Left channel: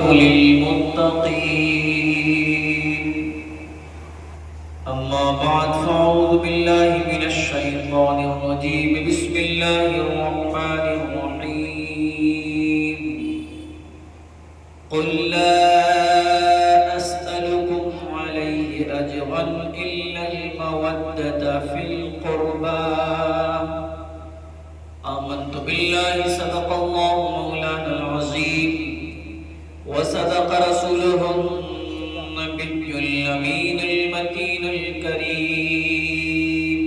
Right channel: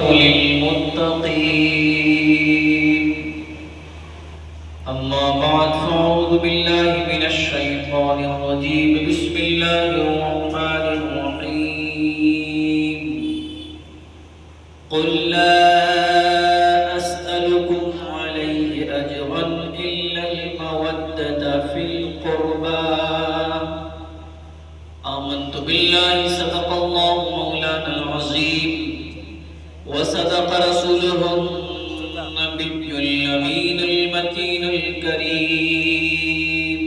للمتقين أما بعد فأعوذ بالله من الشيطان الرجيم بسم الله الرحمن الرحيم قل لا أسألكم عليه أجرا إلا المودة في القربى آمنت بالله صدق الله مولانا العظيم وصدق رسوله النبي الأمين المتين الكريم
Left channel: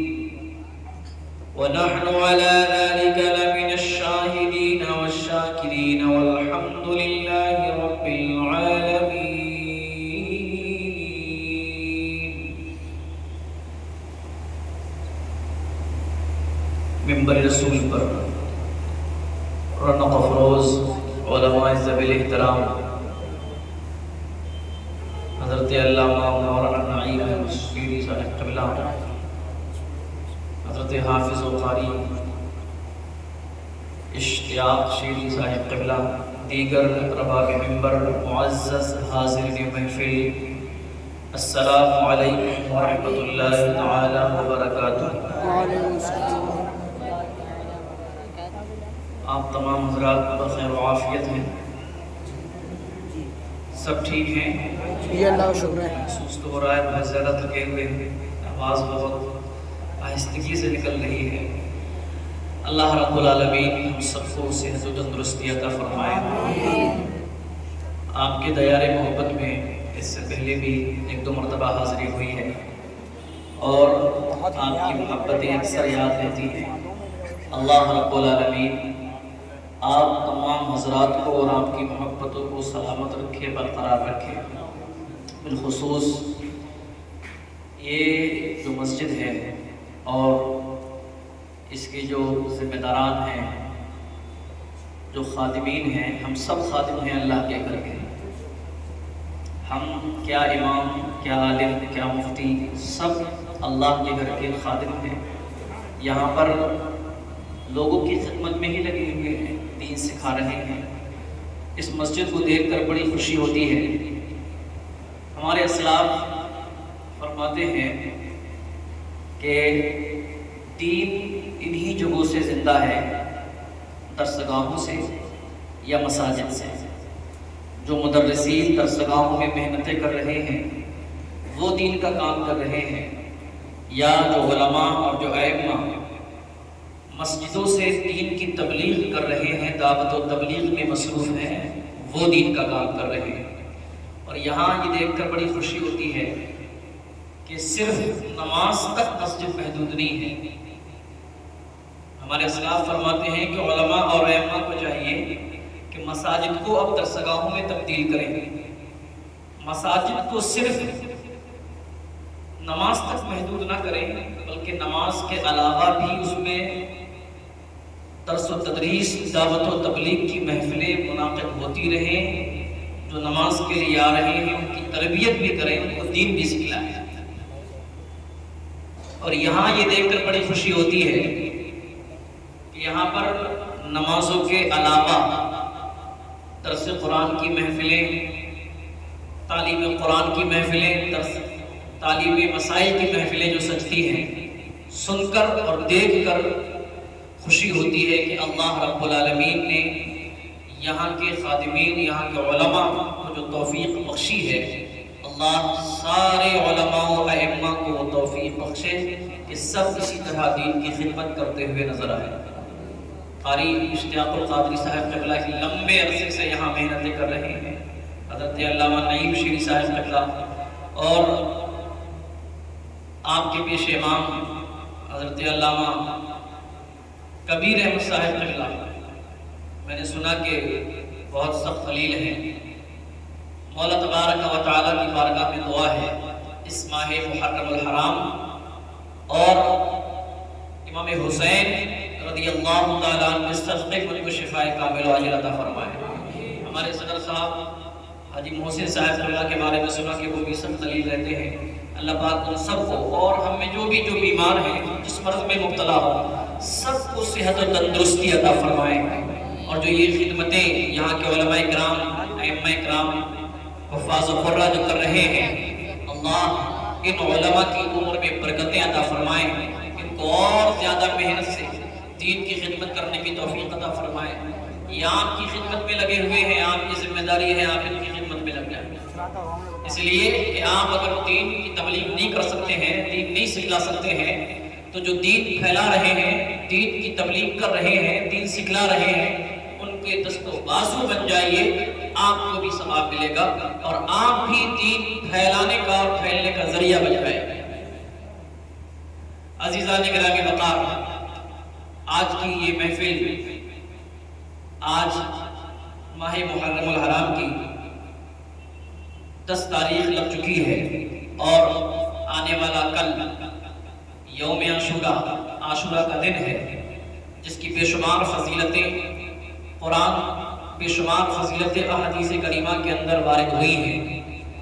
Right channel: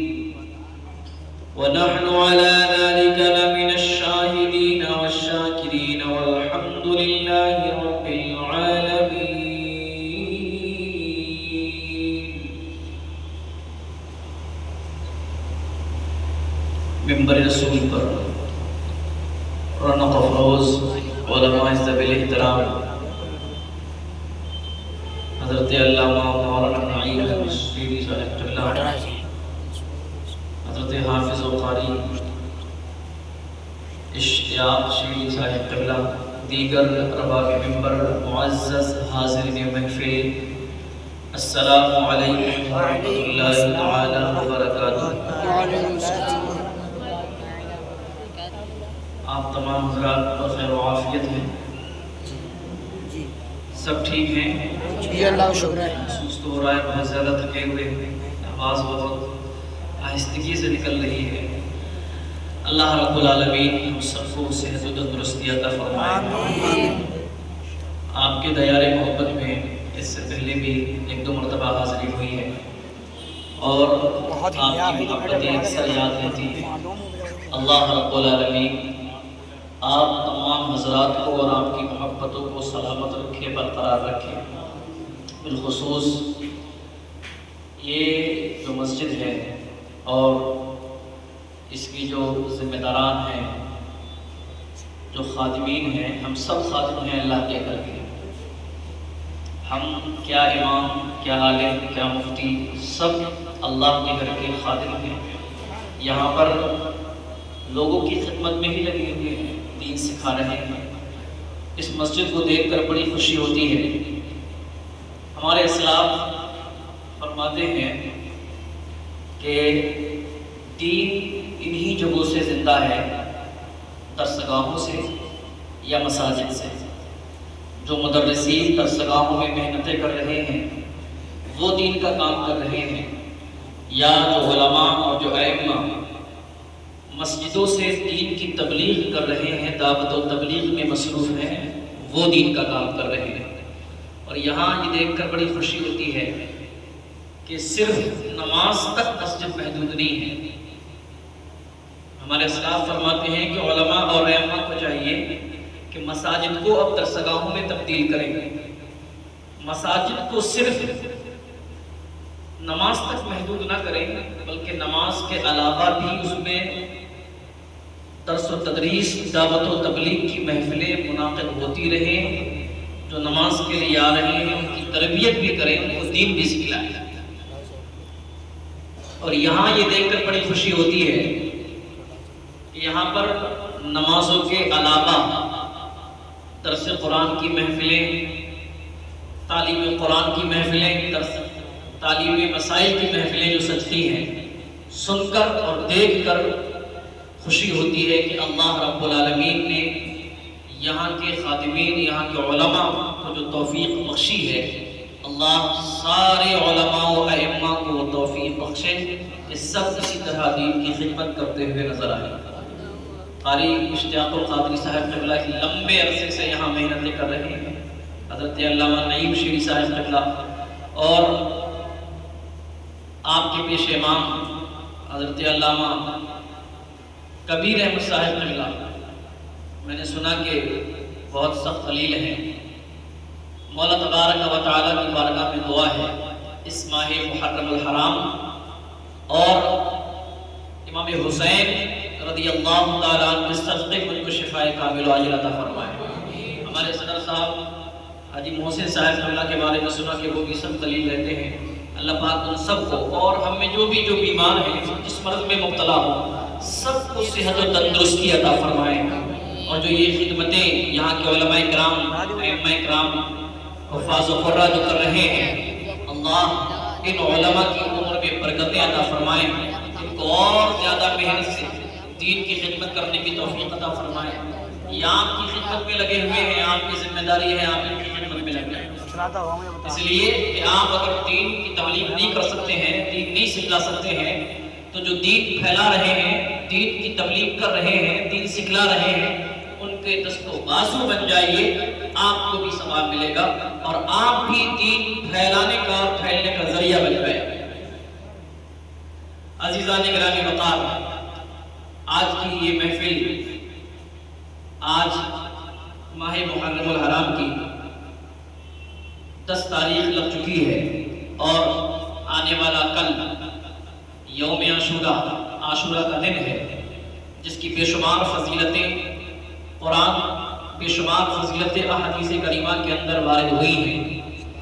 ونحن على ذلك لمن الشاهدين والشاكرين والحمد لله رب العالمين. ممبر رسول پر رونق افروز علماء ذوی الاحترام حضرت علامہ مولانا نعیم شیری صاحب قبلہ، حضرت حافظ و قاری اشتیاق شیری صاحب قبلہ، دیگر رباب ممبر، معزز حاضرین محفل، السلام علیکم ورحمۃ اللہ تعالی وبرکاتہ. آپ تمام حضرات بخیر و عافیت ہیں؟ سب ٹھیک ہیں؟ جی اللہ کا شکر ہے. محسوس تو ہو رہا ہے بہت زیادہ تھکے ہوئے ہیں، آواز بہت آہستگی سے نکل رہی ہے. اللہ رب العالمین ہم سب کو صحت و تندرستی عطا فرمائے. آپ کے دیار محبت میں اس سے پہلے بھی ایک دو مرتبہ حاضری ہوئی ہے اور آپ کی محبتیں اکثر یاد رہتی ہیں. اللہ رب العالمین آپ تمام حضرات کو اور آپ کی محبتوں کو سلامت رکھے، برقرار رکھے. بالخصوص یہ جو مسجد ہے اور اس کے جو ذمہ داران ہیں، جو خادمین ہیں، ہم سب خادم ہیں اللہ کے گھر کے. ہم کیا امام، کیا عالم، کیا مفتی، سب اللہ کے گھر کے خادم ہیں. یہاں پر لوگوں کی خدمت میں ہی لگے ہوئے ہیں، دین سکھا رہے ہیں. اس مسجد کو دیکھ کر بڑی خوشی ہوتی ہے. ہمارے اسلاف فرماتے ہیں کہ دین انہی جگہوں سے زندہ ہے، درسگاہوں سے یا مساجد سے. جو مدرسین درسگاہوں میں محنتیں کر رہے ہیں وہ دین کا کام کر رہے ہیں، یا جو علماء اور جو ائمہ مسجدوں سے دین کی تبلیغ کر رہے ہیں، دعوت و تبلیغ میں مصروف ہیں، وہ دین کا کام کر رہے ہیں. اور یہاں یہ دیکھ کر بڑی خوشی ہوتی ہے کہ صرف نماز تک مسجد محدود نہیں ہے. ہمارے اسلاف فرماتے ہیں کہ علماء اور ائمہ کو چاہیے کہ مساجد کو اب درسگاہوں میں تبدیل کریں. مساجد کو صرف نماز تک محدود نہ کریں بلکہ نماز کے علاوہ بھی اس میں درس و تدریس، دعوت و تبلیغ کی محفلیں منعقد ہوتی رہیں. جو نماز کے لیے آ رہے ہیں ان کی تربیت بھی کریں، ان کو دین بھی سکھلائیں. اور یہاں یہ دیکھ کر بڑی خوشی ہوتی ہے کہ یہاں پر نمازوں کے علاوہ درس قرآن کی محفلیں، تعلیم قرآن کی محفلیں، تعلیم مسائل کی محفلیں جو سجتی ہیں، سن کر اور دیکھ کر خوشی ہوتی ہے کہ اللہ رب العالمین نے یہاں کے خادمین، یہاں کے علماء کو جو توفیق بخشی ہے. اللہ سارے علماء و ائمہ کو وہ توفیق بخشے کہ سب اسی طرح دین کی خدمت کرتے ہوئے نظر آئے. قاری اشتیاق القادری صاحب قبلہ لمبے عرصے سے یہاں محنتیں کر رہے ہیں. حضرت علامہ نعیم شیری صاحب قبلہ اور آپ کے پیش امام حضرت علامہ کبیر احمد صاحب قبلہ، میں نے سنا کہ بہت سخت خلیل ہیں. مولا تبارک و تعالیٰ کی بارگاہ میں دعا ہے اس ماہ محرم الحرام اور امام حسین رضی اللہ تعالیٰ عنہ اس صدقے مجھ کو شفائے کامل و عاجل عطا فرمائے. ہمارے صدر صاحب حاجی محسن صاحب قبلہ کے بارے میں سنا کہ وہ بھی سب خلیل رہتے ہیں. اللہ پاک ان سب کو اور ہم میں جو بیمار ہیں، جس مرض میں مبتلا ہو، سب کو صحت و تندرستی عطا فرمائے. اور جو یہ خدمتیں یہاں کے علماء کرام ائمہ کرام حفاظ و قرہ جو کر رہے ہیں، اللہ ان علماء کی عمر میں برکتیں عطا فرمائیں، ان کو اور زیادہ محنت سے دین کی خدمت کرنے کی توفیق عطا فرمائیں۔ یہ آپ کی خدمت میں لگے ہوئے ہیں، آپ کی ذمہ داری ہے آپ ان کی خدمت میں لگ جائیں۔ اس لیے کہ آپ اگر دین کی تبلیغ نہیں کر سکتے ہیں، دین نہیں سکھلا سکتے ہیں، تو جو دین پھیلا رہے ہیں، دین کی تبلیغ کر رہے ہیں، دین سکھلا رہے ہیں، ان کے دست و بازو بن جائیے، آپ کو بھی ثواب ملے گا اور آپ بھی دین پھیلانے کا اور پھیلنے کا ذریعہ بن جائے۔ عزیزان گرامی وقار، آج کی یہ محفل آج ماہ محرم الحرام کی 10 تاریخ لگ چکی ہے اور آنے والا کل یوم عاشورہ کا دن ہے، جس کی بے شمار فضیلتیں قرآن، بے شمار فضیلتیں احادیث کریمہ کے اندر وارد ہوئی ہیں۔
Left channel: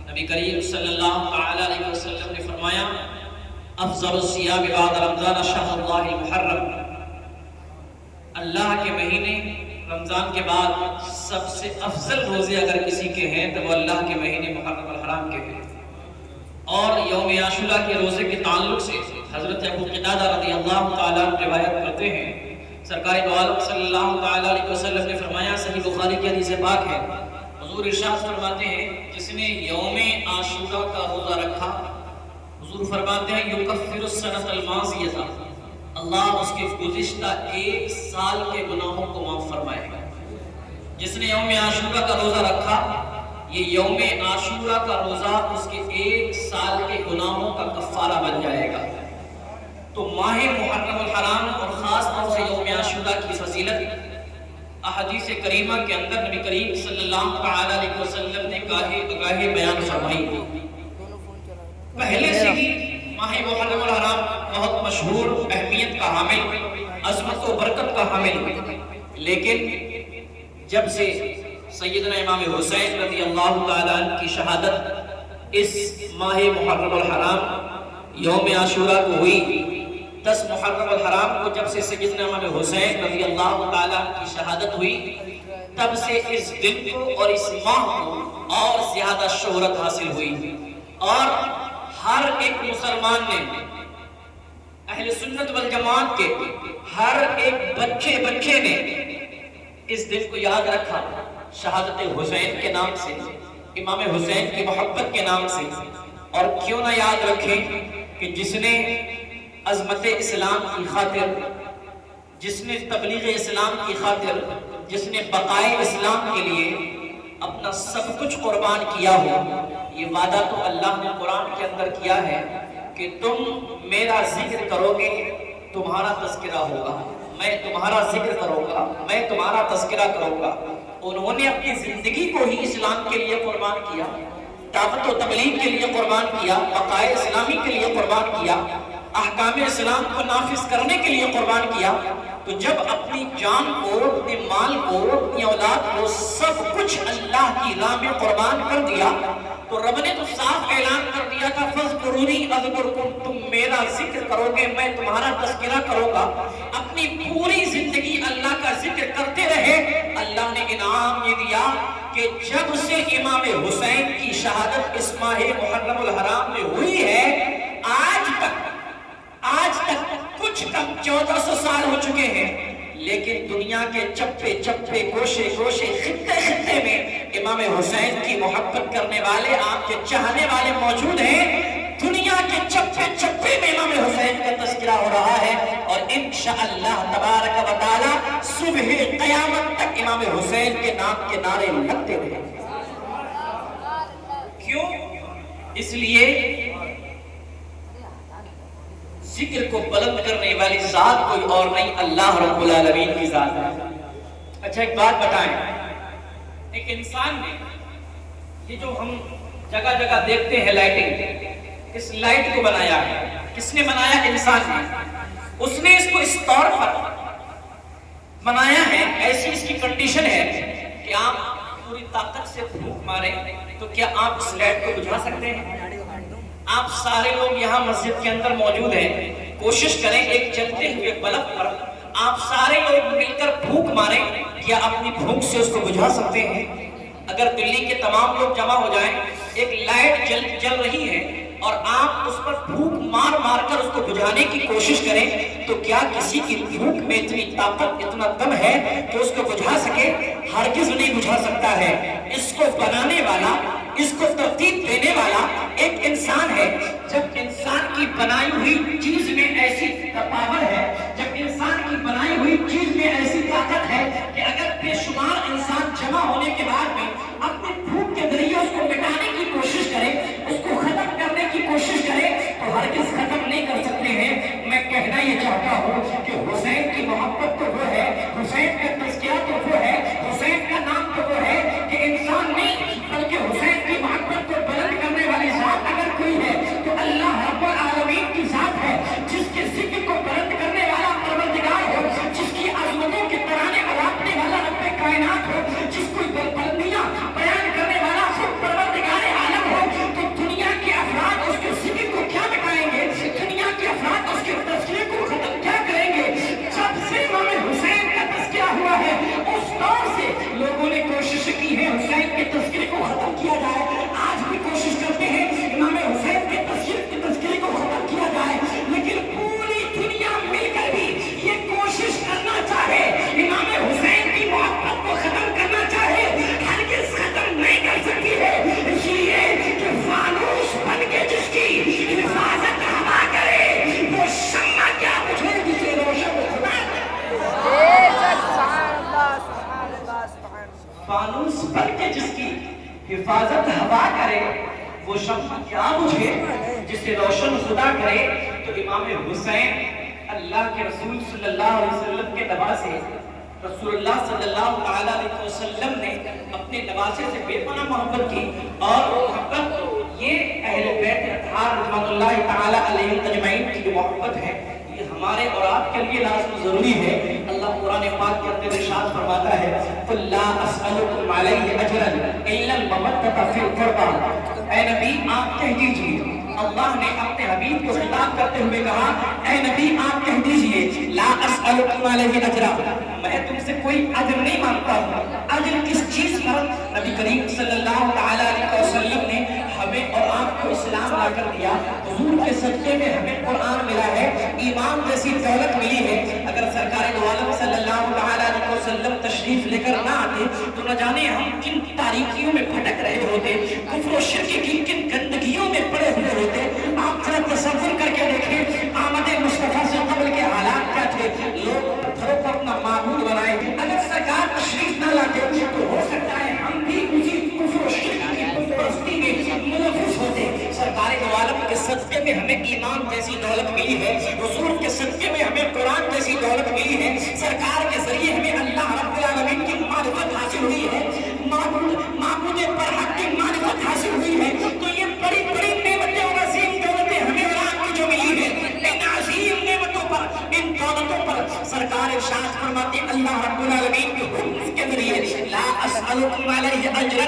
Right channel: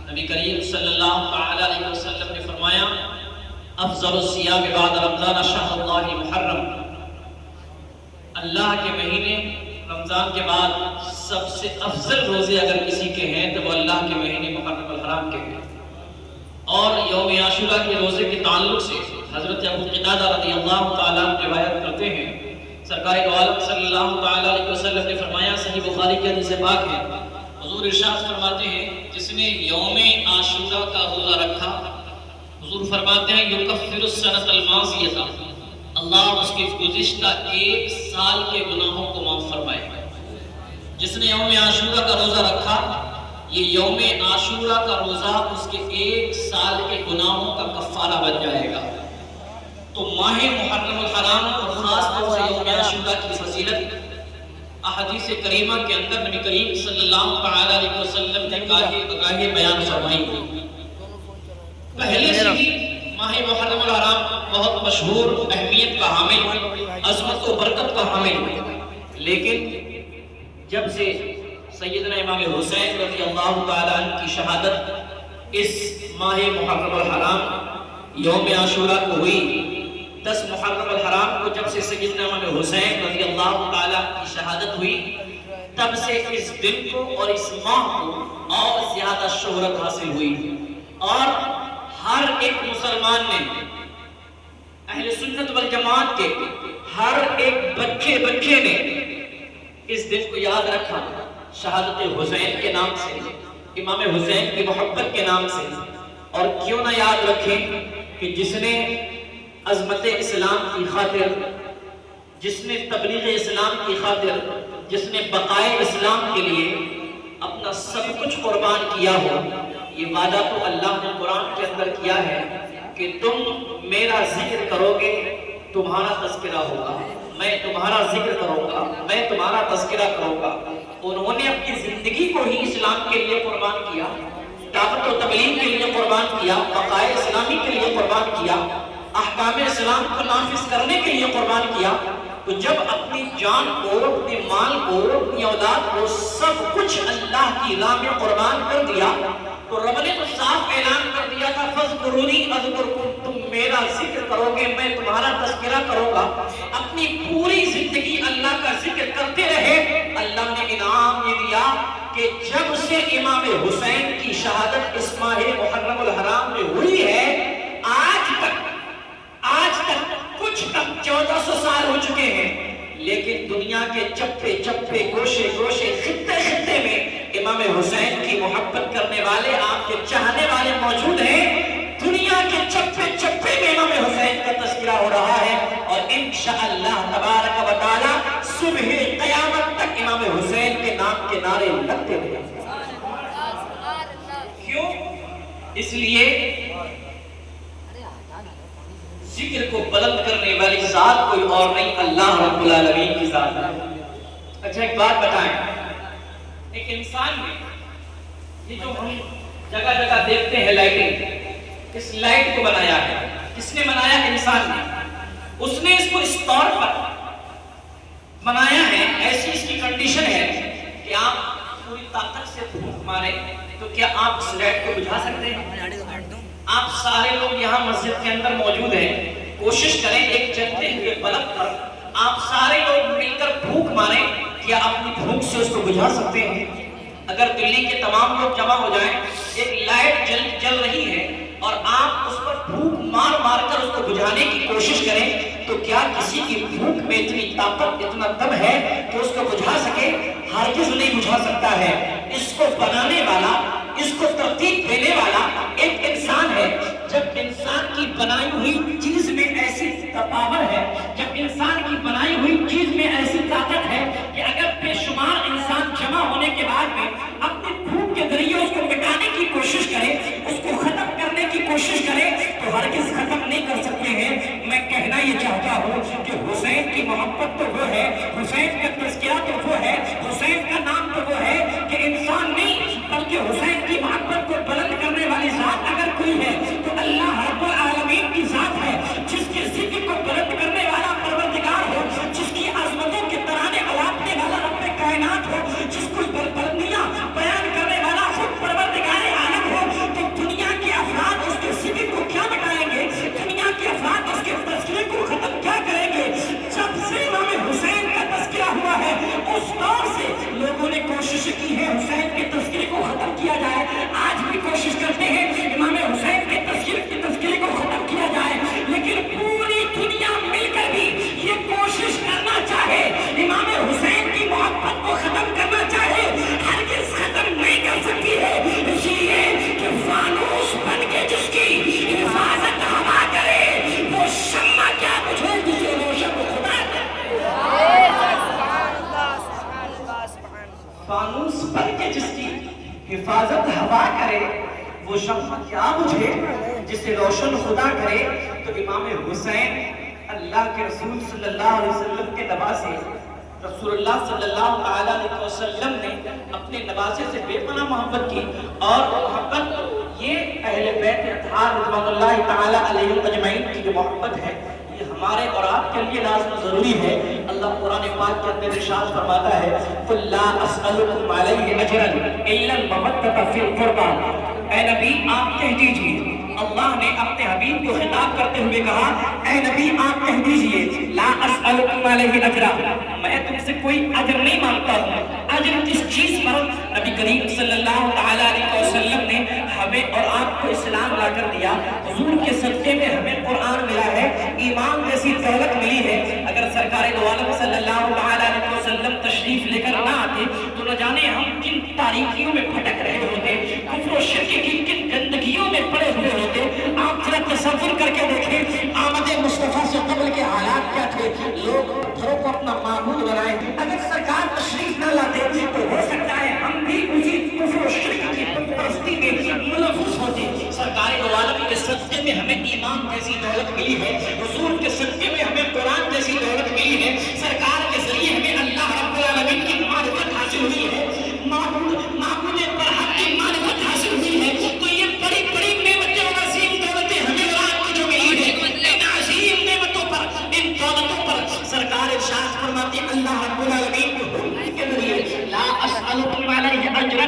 نبی کریم صلی اللہ تعالی علیہ وسلم نے فرمایا، افضل الصیام بعد رمضان شہر اللہ المحرم، اللہ کے مہینے رمضان کے بعد سب سے افضل روزے اگر کسی کے ہیں تو وہ اللہ کے مہینے محرم الحرام کے ہیں۔ اور یوم عاشورہ کے روزے کے تعلق سے حضرت ابو قتادہ رضی اللہ تعالیٰ روایت کرتے ہیں، سرکار دو عالم صلی اللہ تعالیٰ علیہ وسلم نے فرمایا، صحیح بخاری کی حدیث پاک ہے، حضور ارشاد فرماتے ہیں، جس نے یوم عاشورہ کا روزہ رکھا، حضور فرماتے ہیں یکفر السنۃ الماضیہ، اللہ اس کے گزشتہ 1 سال کے گناہوں کو معاف فرمائے گا۔ جس نے یوم عاشورہ کا روزہ رکھا، یہ یوم عاشورہ کا روزہ اس کے 1 سال کے گناہوں کا کفارہ بن جائے گا۔ تو ماہ محرم الحرام اور خاص طور سے یوم عاشورہ کی فضیلت احادیث کریمہ کے اندر نبی کریم صلی اللہ تعالی علیہ وسلم نے گاہے بیان فرمائی۔ پہلے سے ہی ماہ محرم الحرام بہت مشہور، اہمیت کا حامل، عظمت و برکت کا حامل، لیکن جب سے سیدنا امام حسین رضی اللہ تعالیٰ عنہ کی شہادت اس ماہ محرم الحرام یوم عاشورہ کو ہوئی، 10 محرم الحرام کو جب سے سیدنا امام حسین رضی اللہ تعالیٰ کی شہادت ہوئی، تب سے اس دن کو اور اس ماہ کو اور زیادہ شہرت حاصل ہوئی، اور ہر ایک مسلمان نے، اہل سنت والجماعت کے ہر ایک بچے نے اس دن کو یاد رکھا، شہادت حسین کے نام سے، امام حسین کی محبت کے نام سے۔ اور کیوں نہ یاد رکھیں کہ جس نے عظمت اسلام کی خاطر، جس نے تبلیغ اسلام کی خاطر، جس نے بقائے اسلام کے لیے اپنا سب کچھ قربان کیا ہو، یہ وعدہ تو اللہ نے قرآن کے اندر کیا ہے کہ تم میرا ذکر کرو گے تمہارا تذکرہ ہوگا، میں تمہارا ذکر کروں گا، میں تمہارا تذکرہ کروں گا۔ انہوں نے اپنی زندگی کو ہی اسلام کے لیے قربان کیا، دعوت و تبلیغ کے لیے قربان کیا، بقائے اسلامی کے لیے قربان کیا، احکام اسلام کو نافذ کرنے کے لیے قربان کیا۔ تو جب اپنی جان کو، اپنے مال کو، اپنی اولاد کو، سب کچھ اللہ کی راہ میں قربان کر دیا، تو رب نے تو صاف اعلان کر دیا تھا، فَاذْكُرُونِي أَذْكُرْكُمْ، تم میرا ذکر کرو گے میں تمہارا تذکرہ کروں گا۔ اپنی پوری زندگی اللہ کا ذکر کرتے رہے۔ اللہ نے انعام یہ دیا کہ جب سے امام حسین کی شہادت اس ماہ محرم الحرام میں ہوئی ہے، آج تک کچھ کم 1400 سال ہو چکے ہیں، لیکن دنیا کے چپے چپے، گوشے گوشے، خطے خطے میں امام حسین کی محبت کرنے والے، آپ کے چاہنے والے موجود ہیں۔ دنیا کے چپے چپے میں امام حسین کا تذکرہ ہو رہا ہے، اور انشاءاللہ تبارک و تعالی صبح قیامت تک امام حسین کے نام کے نعرے لگتے رہیں گے۔ کیوں؟ اس لیے ذکر کو بلند کرنے والی ذات کوئی اور نہیں، اللہ رب العالمین کی ذات ہے۔ اچھا ایک بات بتائیں، ایک انسان نے یہ جو ہم جگہ جگہ دیکھتے ہیں لائٹنگ، اس لائٹ کو بنایا ہے، کس نے بنایا؟ انسان نے۔ اس نے اس کو اس طور پر بنایا ہے، ایسی اس کی کنڈیشن ہے کہ آپ پوری طاقت سے پھونک ماریں تو کیا آپ اس لائٹ کو بجھا سکتے ہیں؟ آپ سارے لوگ یہاں مسجد کے اندر موجود ہیں، کوشش کریں ایک جلتے ہوئے بلب پر آپ سارے لوگ مل کر پھونک ماریں، کیا اپنی پھونک سے اس کو بجھا سکتے ہیں؟ اگر دلی کے تمام لوگ جمع ہو جائیں، ایک لائٹ جل رہی ہے اور آپ اس پر پھونک مار مار کر اس کو بجھانے کی کوشش کریں، تو کیا کسی کی پھونک میں اتنی طاقت، اتنا دم ہے کہ اس کو بجھا سکے؟ ہرگز نہیں بجھا سکتا ہے۔ اس کو بنانے والا، اس کو ترتیب دینے والا ایک انسان ہے۔ جب انسان کی بنائی ہوئی چیز میں ایسی پاور ہے، جب انسان کی بنائی ہوئی چیز میں ایسی طاقت ہے کہ اگر بے شمار انسان جمع ہونے کے بعد میں اپنے پھونک کے ذریعے اس کو مٹانے کی کوشش کرے، اس کو ختم کرنے کی کوشش کرے، تو ہرگز ختم نہیں کر سکتے ہیں۔ میں کہنا یہ چاہتا ہوں کہ حسین کی محبت تو وہ ہے، حسین کا تذکیہ تو وہ ہے، حسین کا نام تو وہ ہے کہ انسان نہیں بلکہ حسین کی محبت کو بلند کرنے والی ذات اگر کوئی ہے تو اللہ رب العالمین کی ذات ہے، جس کے ذکر کو بلند کرنے والا پروردگار ہو، جس کی عظمتوں کے ترانے الاپنے والا رب کائنات ہو، جس کو بلندیاں بیان کرنے والا خود پروردگار عالم ہو، تو دنیا کے افراد اس کے ذکر کو کیا مٹائیں گے؟ دنیا کے افراد اس کے تذکرے کو ختم کیا کریں گے؟ جب سے امام حسین کا تذکرہ ہوا ہے اس دور سے لوگوں نے کوشش کی ہے حسین کے تذکرے کو ختم کیا جائے، آج بھی کوشش کرتے ہیں امام حسین کے تذکرے کو ختم کیا جائے، لیکن پوری دنیا مل کر بھی یہ کوشش کرنا چاہے امام حسین کی محبت کو ختم کرنا چاہے، ہرگز ختم نہیں کر سکتی ہے، اس لیے کہ فانوس بن کے جس کی حفاظت ہوا کرے وہ شمع کیا بجھے جسے روشن خدا کرے۔ فانوس بن کے جس کی حفاظت ہوا کرے وہ شمع کیا بجھے جسے روشن خدا کرے۔ تو امام حسین اللہ کے رسول صلی اللہ علیہ وسلم کے نواسے، رسول اللہ صلی اللہ علیہ وسلم نے اپنے نواسے سے بے پناہ محبت کی، اور وہ محبت یہ اہل بیت اطہار رضوان اللہ تعالی علیہ اجمعین کی جو محبت ہے یہ ہمارے اور آپ کے لیے لازم ضروری ہے۔ اللہ قرآن پاک کے اندر ارشاد فرماتا ہے قُلْ لَا أَسْأَلُكُمْ عَلَيْهِ أَجْرًا إِلَّا الْمَوَدَّةَ فِي الْقُرْبَى۔ اے نبی آپ کہہ دیجئے، اللہ نے اپنے حبیب کو خطاب کرتے ہوئے کہا اے نبی آپ کہہ دیجئے لا اسألکم علیہ اجرا، میں تم سے کوئی اجر نہیں مانگتا ہوں۔ اجر کس چیز پر؟ نبی کریم صلی اللہ علیہ وسلم نے ہمیں اور آپ کو اسلام لا کر دیا، حضور کے صدقے میں ہمیں قرآن ملا ہے، ایمان جیسی دولت ملی ہے۔ اگر سرکار دو عالم صلی اللہ علیہ وسلم تشریف لے کر نہ آتے تو نہ جانے ہم کن تاریکیوں میں بھٹک رہے ہوتے، کفر و شرک کی کن گندگیوں میں پڑے ہوئے ہوتے۔ آپ ذرا تصور کر کے دیکھیں آمد مصطفیٰ سے قبل کے حالات کیا تھے، لوگ پتھروں کو اپنا معبود بنائے۔ اگر سرکار تشریف نہ لاتے تو ہو سکتا ہے ہم بھی اسی کفر و شرک کی بت پرستی میں ملوث ہوتے۔ سرکار دو عالم کے صدقے میں ہمیں ایمان جیسی دولت ملی ہے، حضور کے صدقے میں ہمیں قرآن جیسی دولت ملی ہے، سرکار کے ذریعے ہمیں اللہ رب العالمین کی معرفت حاصل ہوئی ہے، معبود پر حق کی معرفت حاصل ہوئی ہے۔ تو یہ بڑی بڑی نعمتیں اور عظیم دولتیں ہمیں اور آپ کو جو ملی ہے، ان عظیم نعمتوں پر، ان دولتوں پر سرکار ارشاد فرماتے اللہ رب العالمین کے حکم کے ذریعے لا اسألکم علیہ اجرا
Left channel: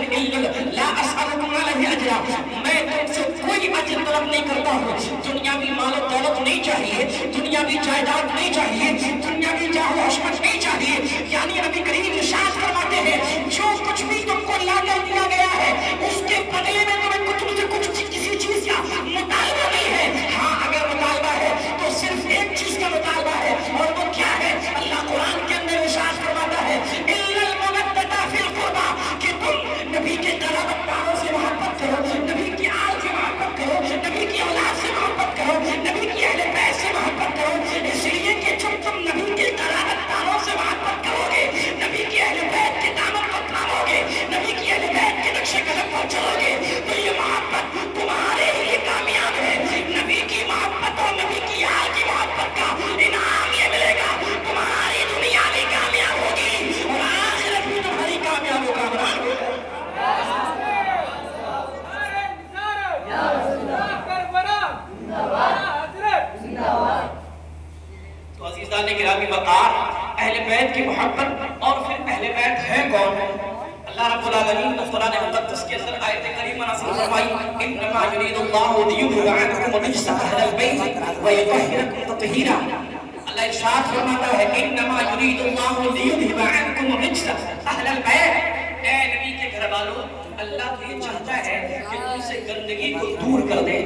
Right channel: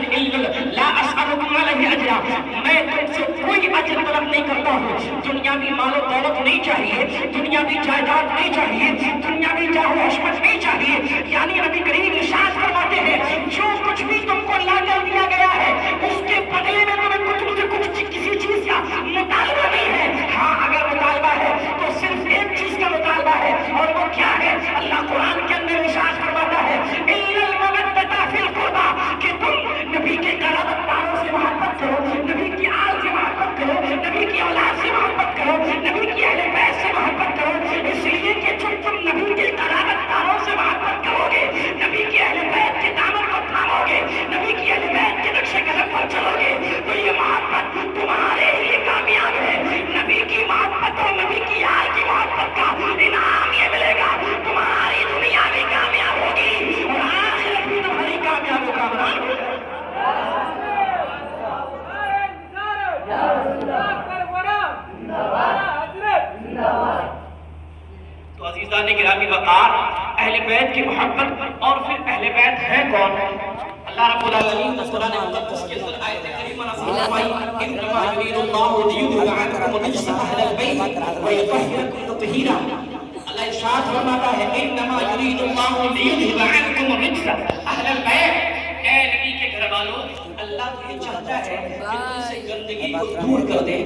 لا اسألکم علیہ اجرا، میں تم سے کوئی اجر طلب نہیں کرتا ہوں۔ دنیاوی مال و دولت نہیں چاہیے، دنیاوی جائیداد نہیں چاہیے، دنیاوی جاہ و عظمت نہیں چاہیے، یعنی نبی کریم ارشاد فرماتے ہیں جو کچھ بھی تم کو لا کر دیا گیا ہے اس کے بدلے میں تمہیں تم سے کچھ کسی چیز کا مطالبہ نہیں ہے۔ ہاں اگر مطالبہ ہے تو صرف ایک چیز کا مطالبہ ہے، اور وہ کیا ہے؟ اللہ قرآن کے اندر ارشاد فرماتا ہے إِلَّا الْمَوَدَّةَ فِي الْقُرْبَى، کہ تم نبی کے قرابت داروں سے محبت کرو، نبی کی آل سے محبت کرو، نبی کی اولاد سے محبت کرو، نبی کی اہل بیت سے محبت کرو، اس لیے کہ جب تم نبی کے قرابت داروں سے محبت کرو گے، نبی کے اہل بیت کے دامن کو تھامو گے، نبی کی اہل بیت کے نقش قدم پر چلو گے، تو یہ محبت تمہارے لیے کامیاب ہے۔ نبی کی محبت اور نبی کی آل کی محبت کا انعام یہ ملے گا، تمہاری دنیا بھی کامیاب ہوگی اور آخرت بھی تمہاری کامیاب ہوگا۔ تو عزیزان گرامی وقار، اہل بیت کی محبت، اور پھر اہل بیت ہے کون؟ اللہ رب العالمین نے قرآن مقدس کے اندر آیت کریمہ نازل فرمائی انما یرید اللہ لیذهب عنکم الرجس اہل البیت ویطہرکم تطہیرا۔ اللہ ارشاد فرماتا ہے انما یرید اللہ لیذهب عنکم الرجس اہل البیت، اے نبی کے گھر والوں والوں اللہ تو یہ چاہتا ہے کہ تم سے گندگی کو دور کر دے۔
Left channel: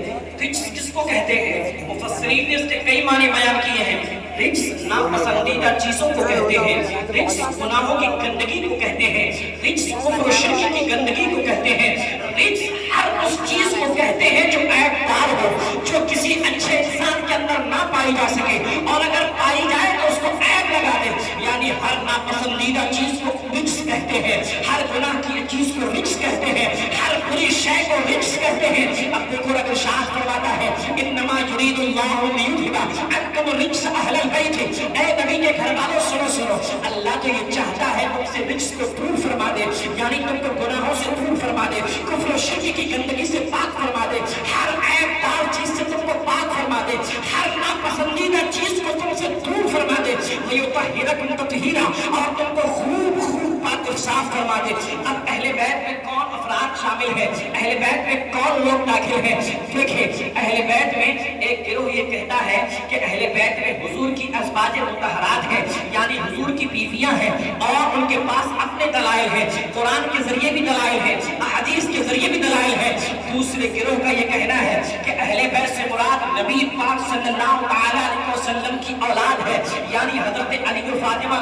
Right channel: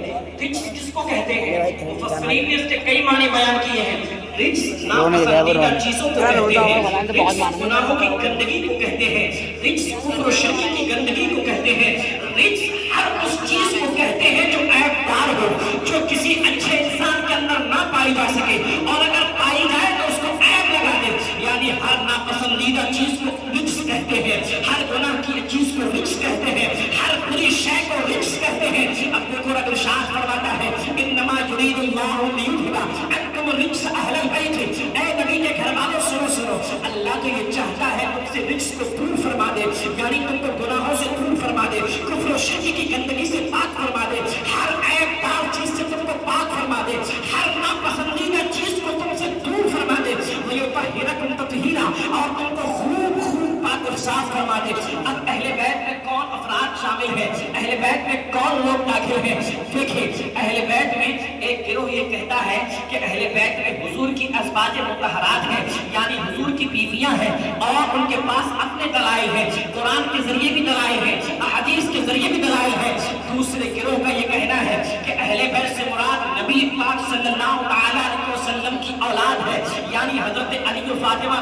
رجس کس کو کہتے ہیں؟ مفسرین نے اس کے کئی معنی بیان کیے ہیں۔ رجس ناپسندیدہ چیزوں کو کہتے ہیں، رجس گناہوں کی گندگی کو کہتے ہیں، رجس کفر و شرک کی گندگی کو کہتے ہیں، رجس ہر اس چیز کو کہتے ہیں جو عیب دار ہو، جو کسی اچھے انسان کے اندر نہ پائی جا سکے، اور اگر پائی جائے تو اس کو عیب لگا دے۔ یعنی ہر ناپسندیدہ چیز کو رجس کہتے ہیں، ہر گناہ کی چیز کو رجس کہتے ہیں، ہر بری شے کو رجس کہتے ہیں۔ اب دیکھو رب ارشاد فرماتا ہے انما یرید اللہ لیذھب عنکم الرجس اہل البیت، اے نبی کے گھر والوں سنو، اللہ تو یہ چاہتا ہے تم سے رجس کو دور فرما دے، یعنی تم کو گناہوں سے دور فرما دے، کفر و شرک کی گندگی سے پاک فرما دے، ہر عیب دار چیز سے تم کو پاک فرما دے، ہر ناپسندیدہ چیز کو تم سے دور فرما دے، وَيُطَهِّرَكُمْ تَطْهِيرًا، اور تم کو خوب پاک اور صاف فرما دے۔ اب اہل بیت میں کون افراد شامل ہیں؟ اہل بیت میں کون لوگ داخل ہیں؟ دیکھیں اہل بیت میں ایک گروہ یہ کہتا ہے کہ اہل بیت میں حضور کی ازواج مطہرات ہیں، یعنی حضور کی بیویاں ہیں، اور ان کے پاس اپنے دلائل ہیں، قرآن کے ذریعے بھی دلائل ہیں، احادیث کے ذریعے بھی دلائل ہیں۔ دوسرے گروہ کا یہ کہنا ہے کہ اہل بیت سے مراد نبی پاک صلی اللہ علیہ وسلم کی اولاد ہے، یعنی حضرت علی و فاطمہ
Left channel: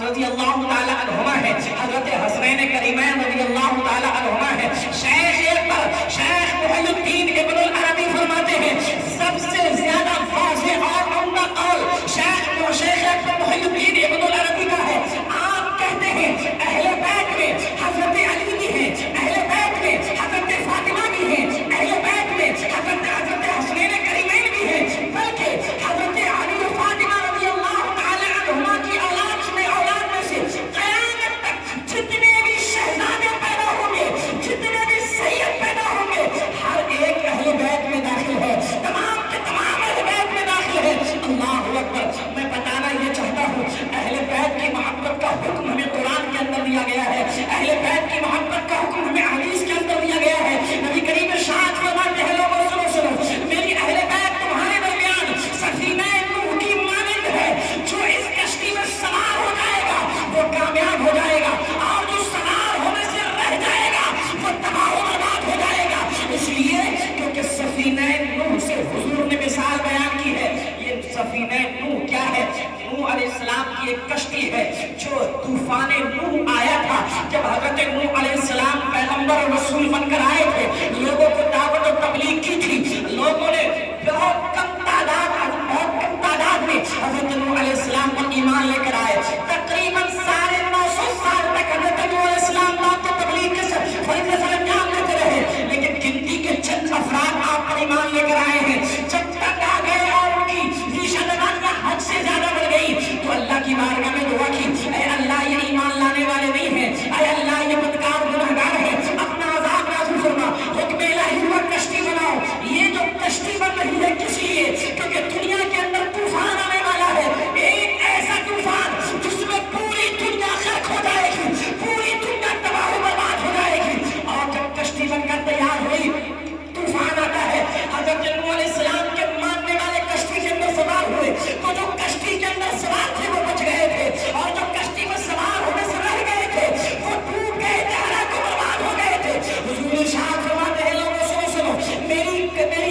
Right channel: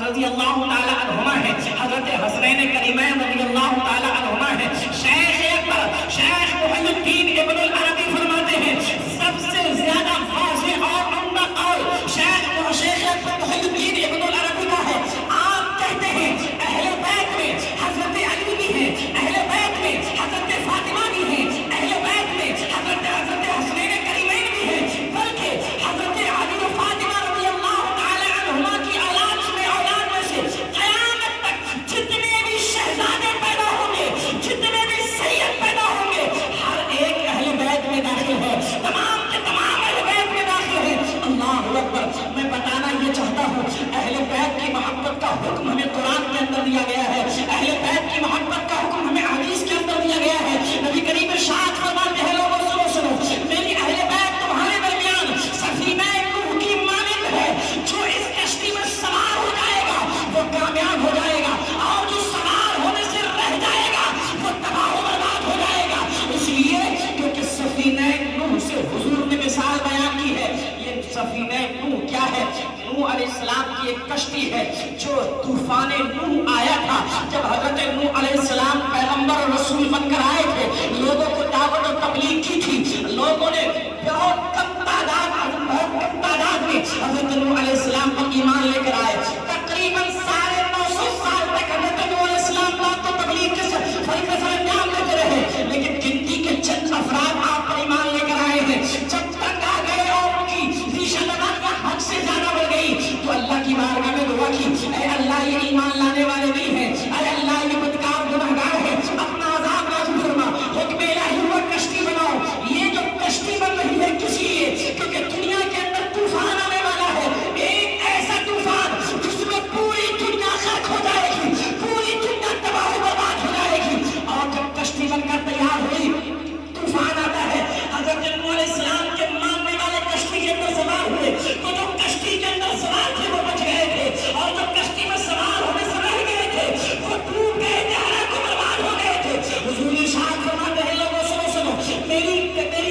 رضی اللہ تعالی عنہما ہے، حضرت حسنین کریمین رضی اللہ تعالی عنہما ہے۔ شیخ اکبر شیخ محی الدین ابن العربی فرماتے ہیں سب سے زیادہ واضح اور عمدہ قول شیخ اکبر محی الدین ابن العربی کا ہے۔ آپ کہتے ہیں اہل بیت میں حضرت علی بھی ہیں، اہل بیت میں حضرت فاطمہ بھی ہیں، اہل بیت میں حضرت حسنین کریمین بھی ہیں، بلکہ حضرت علی و فاطمہ رضی اللہ تعالی عنہما کی اولاد میں سے قیامت تک جتنے بھی شہزادے پیدا ہوں گے، جتنے بھی سید پیدا ہوں گے، ہر ایک اہل بیت میں داخل ہے، تمام کے تمام اہل بیت میں داخل ہے۔ اللہ اکبر۔ میں بتانا یہ چاہتا ہوں اہل بیت کی محبت کا حکم ہمیں قرآن کے اندر دیا گیا ہے، اہل بیت کی محبت کا حکم ہمیں حدیث کے اندر دیا گیا ہے۔ نبی کریم ارشاد فرماتے ہیں لوگوں سنو، میری اہل بیت تمہارے درمیان سفینہ نوح کی مانند ہے، جو اس کشتی میں سوار ہو جائے گا وہ کامیاب ہو جائے گا، اور جو سوار ہونے سے رہ جائے گا وہ تباہ و برباد ہو جائے گا۔ اس لیے کیونکہ سفینہ نوح سے حضور نے مثال بیان کی ہے۔ یہ سفینہ نوح کیا ہے؟ نوح علیہ السلام کی ایک کشتی ہے، جو طوفان نوح آیا تھا جب حضرت نوح علیہ السلام پیغمبر اور رسول بن کر آئے تھے، لوگوں کو دعوت و تبلیغ کی تھی، لوگوں نے بہت کم تعداد میں حضرت نوح علیہ السلام پر ایمان لے کر آئے۔ تقریباً 950 سال تک حضرت نوح علیہ السلام بات و تبلیغ کے فریضے سر انجام دیتے رہے، لیکن گنتی کے چند افراد آپ پر ایمان لے کر آئے ہیں۔ جب تک آ گئے اور ان کی ریشہ لگانا حد سے زیادہ بڑھ گئی تو اللہ کی بارگاہ میں دعا کی، اے اللہ یہ ایمان لانے والے نہیں ہیں، اے اللہ یہ بدکار گنہگار ہے، اپنا عذاب نازل فرما، حکم الہی ہوا کشتی بناؤ۔ یہ جو کشتی بن رہی ہے کس لیے؟ کیونکہ دنیا کے اندر طوفان آنے والا ہے، ایک ایسا طوفان جس میں پوری دنیا غرق ہو جائے گی، پوری دنیا تباہ و برباد ہو جائے گی۔ اور جب کشتی بن کر تیار ہوئی طوفان آتا ہے، حضرت نوح علیہ السلام کے ماننے والے کشتی کے اندر سوار ہوئے، تو جو کشتی کے اندر سوار تھے وہ بچ گئے تھے، اور جو کشتی میں سوار ہونے سے رہ گئے تھے وہ ڈوب گئے تھے، ہلاک و برباد ہو گئے تھے۔ حضور ارشاد فرماتے ہیں لوگوں سنو، میری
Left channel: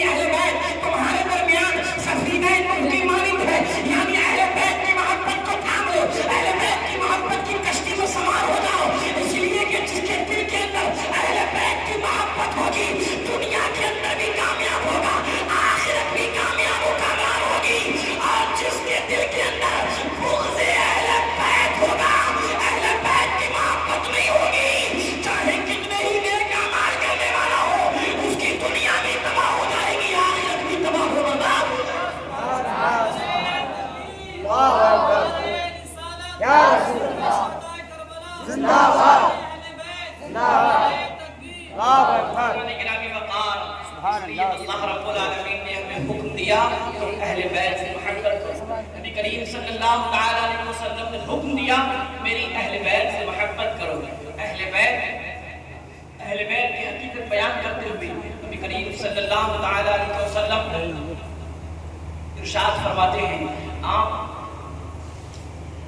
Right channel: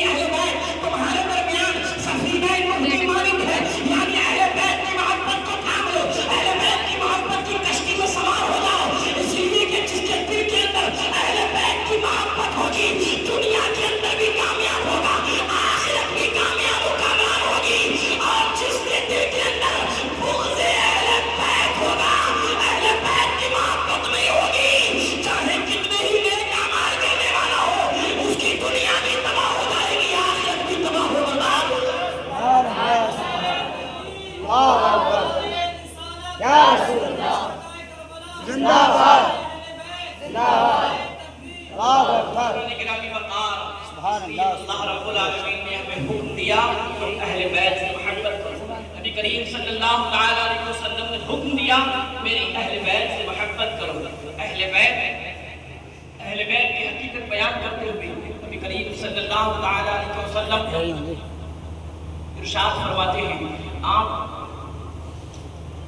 اہل بیت تمہارے درمیان سفینہ نوح کی مانند ہے، یعنی اہل بیت کی محبت کو تھام لو، اہل بیت کی محبت کی کشتی میں سوار ہو جاؤ، اس لیے کہ جس کے دل کے اندر اہل بیت کی محبت ہوگی دنیا کے اندر بھی کامیاب ہوگا، آخرت بھی کامیاب و کامیاب ہوگی، اور جس کے دل کے اندر بغض اہل بیت ہوگا، اہل بیت کی محبت نہیں ہوگی، چاہے کتنے ہی نیک اعمال کرنے والا ہو، اس کی دنیا بھی تباہ ہو جائے گی، آخرت بھی تباہ ہو برباد ہو جائے گی۔ یا رسول اللہ زندہ باد زندہ باد اللہ اکبر گرامی وقار سبحان اللہ۔ اللہ رب العالمین نے ہمیں حکم دیا کہ اہل بیت سے محبت کرو۔ نبی کریم صلی اللہ تعالی علیہ وسلم نے حکم دیا میری اہل بیت سے محبت کرو۔ اہل بیت کی حقیقت بیان کرتے ہوئے نبی کریم صلی اللہ تعالی علیہ وسلم ارشاد فرماتے ہیں، آپ